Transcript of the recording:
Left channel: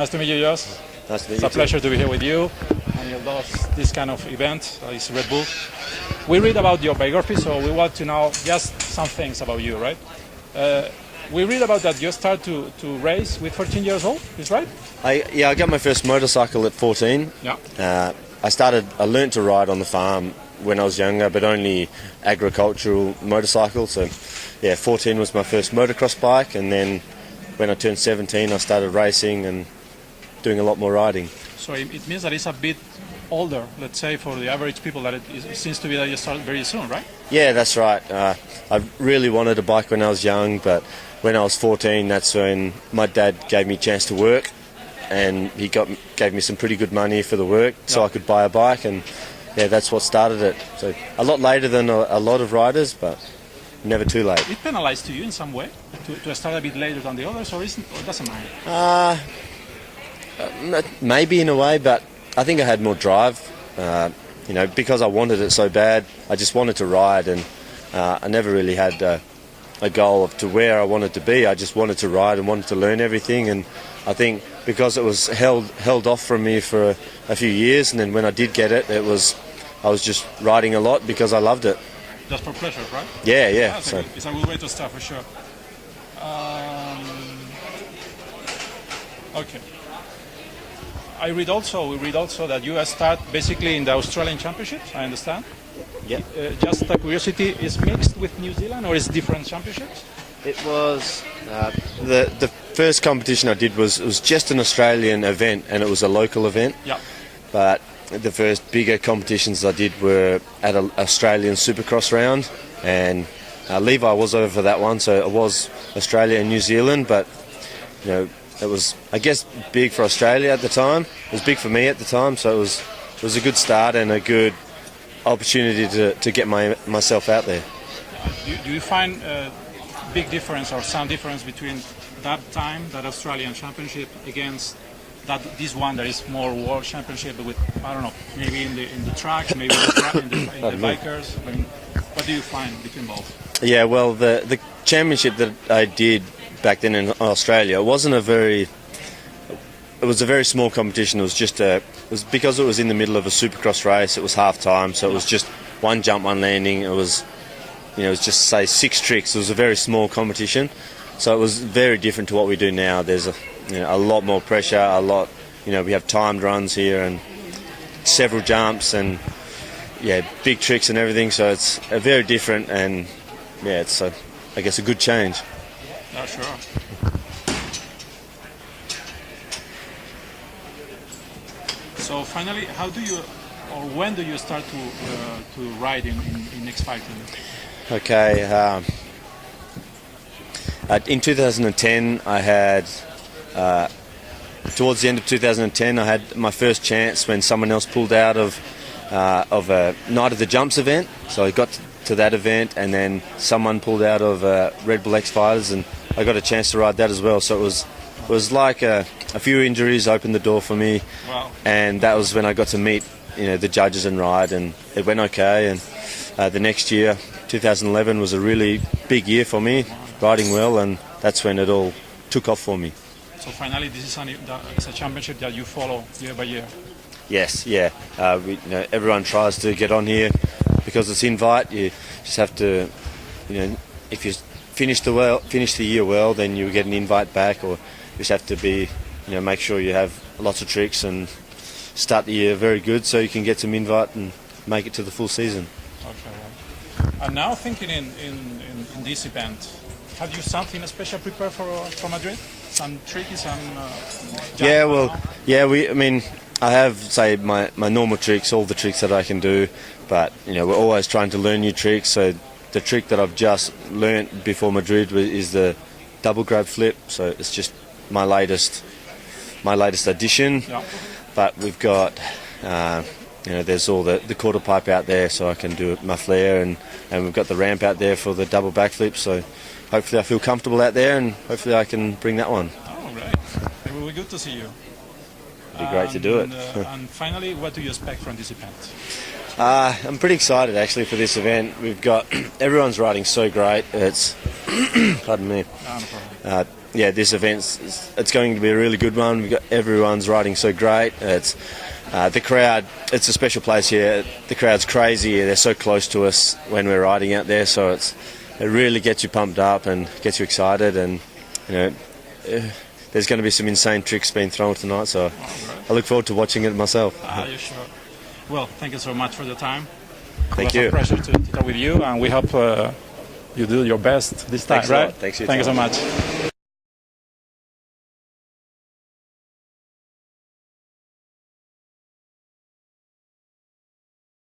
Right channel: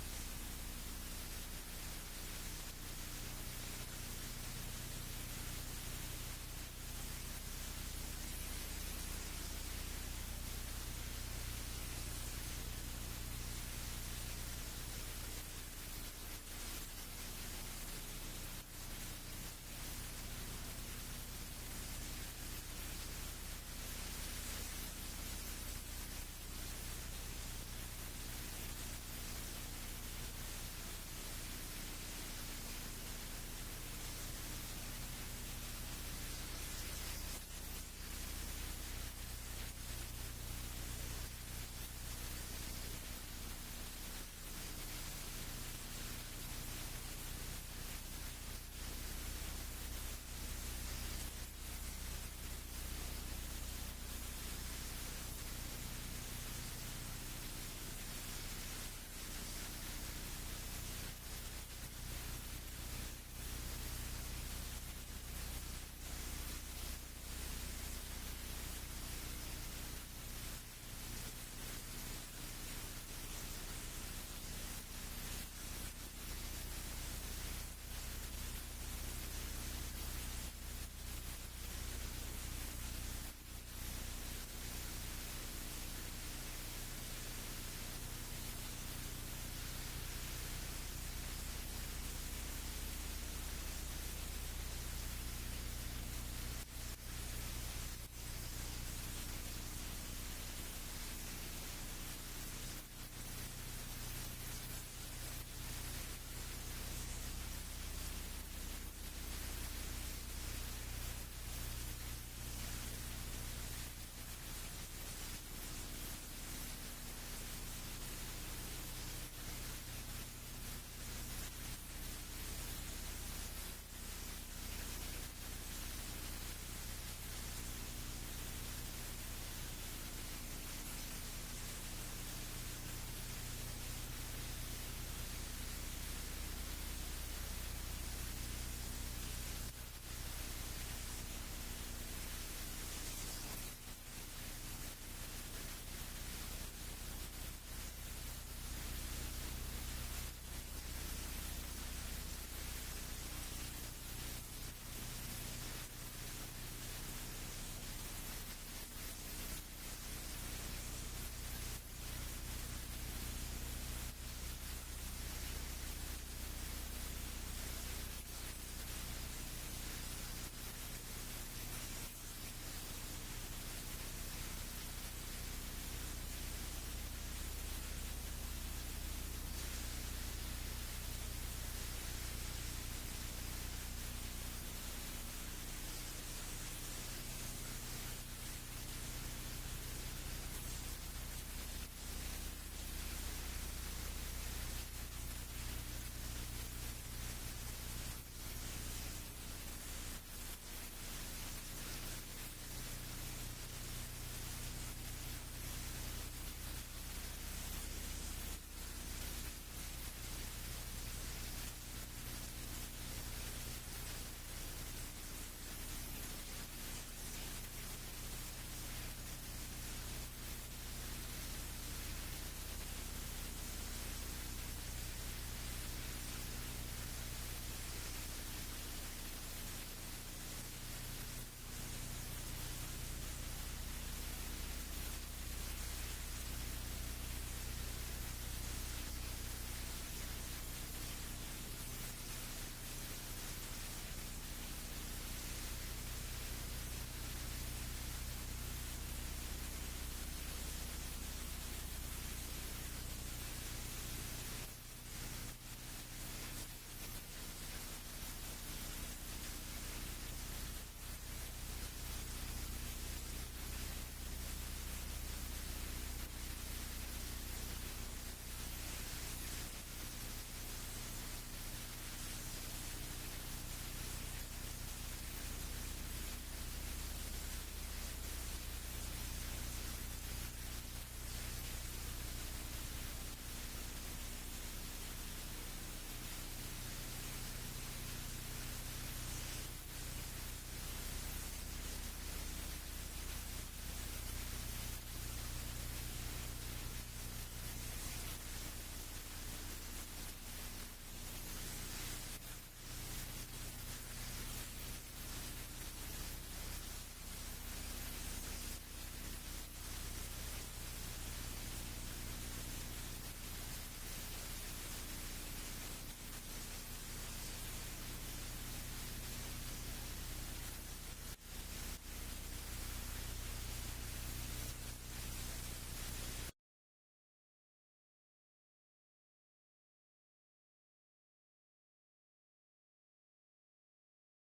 Nice to meet you, Jos. Nice to meet It's you a pleasure to be here with you. And you love this kind of event. It's Red Bull. We read about your biography, so we want to know just some things about you, right? We read about that you start to race with 14 years old, is right? I got my first motorcycle at 14. Yeah. I learnt to ride on the farm when I was younger, but only agricultural motorcycles. So, yeah, 14 was my first motocross bike, and then when I turned 17, I started racing and doing a lot more riding. So it means that it's a bit older, let's say, for the average people, that it seems to be that you started very soon, right? Yeah, that's right. I really wanted a bike when I was young, but when I was 14, that's when my dad gave me a chance to work, and he gave me some pretty good money for the work, so I could buy a bike, and yeah, that's what started it. So a lot later than a lot of riders, but never too late. It penalized to you in some way to start a bit later than the others, or it doesn't matter? Maybe in a way, but I think I had more drive. Because I wanted it so bad, I just wanted to ride, and I never really had a goal to where I wanted to be. I just wanted to ride and wanted to learn everything, and I think because it was held off from me for a few years, and then when I did get it, I was just riding a lot because I loved it. Just for pleasure, right? Yeah. So it's a good way to start for sure. Okay. We read also that you start basically in the Australian Championships, I understand? Yeah. Just a curiosity, is mixed with New Zealand or is it different championships? It was the first competition I did was just an Australian event, and it was a local event. Yeah. But the first bigger competitions I did were at an Australian Supercross round, and Levi was over for that one, so it was Australia and New Zealand, but it was, I guess, big for Australia at the time. It was big for me at the time, so it was a good start and a good opportunity to get myself out there. Do you find a big difference or some difference between that time, that Australian Championship, against this one that is more World Championship with, I don't know, maybe in the tracks, maybe in the bikers? I mean, what do you find between both? Yeah, well, the championship that I did back then in Australia, it was a very small competition. It was because it was in the middle of a Supercross race. It was half time, so it was just one jump, one landing. It was just say 6 tricks. It was a very small competition, so it was very different to what we do now. There's a lot more pressure. We have timed runs here and several jumps and big tricks and everything. So it's very different, and it's I guess a good change. Yeah, sure. So finally, when do you start to ride in X.Fighting? Okay. In 2010, I had towards the end of 2010, I had my first chance when someone else pulled out of a Night of the Jumps event. So I got to that event, and then someone pulled out of Red Bull X.Fighters, and I got a chance to ride that as well. So it was like a few injuries opened the door for me. Wow. And that was when I got to meet the judges and ride, and it went okay. And the next year, 2011, was a really big year for me, riding well, and that's when it all took off for me. So finally, this is a championship that you follow year by year. Yes, yeah. Everyone tries to get on here because it's invite. You just have to, if you finish the year well, then you get an invite back, or you just have to make sure you have lots of tricks and start the year very good, so you can get some invite and make it to the full season. Okay. And now thinking in this event, have you something special prepared for Madrid? Some tricky, some. I have, say, my normal tricks, all the tricks that I can do, but we're always trying to learn new tricks. So the trick that I've just learnt before Madrid is the double grab flip. So it's just my latest addition. Yeah. But we've got, there's all the quarter pipe out there, so I can do my flare, and we've got the ramp out there for the double backflip. So hopefully I feel comfortable out there, and hopefully I can bring that one. Oh, great. It will be good to see you. It'd be great to do it. And finally, what do you expect from this event? I'm pretty excited actually for this event. We've got everyone's riding so great. It's pardon me. yeah, this it's going to be a really good one. Everyone's riding so great. It's the crowd. It's a special place here. The crowd's crazy. They're so close to us when we're riding out there. So it really gets you pumped up and gets you excited. And there's going to be some insane tricks being thrown tonight. So I look forward to watching it myself. You sure? Well, thank you so much for the time. Thank you. you. It was a pleasure to talk with you, and we hope you do your best this time. Thanks a right? lot. Thanks for your Thank you time. so much.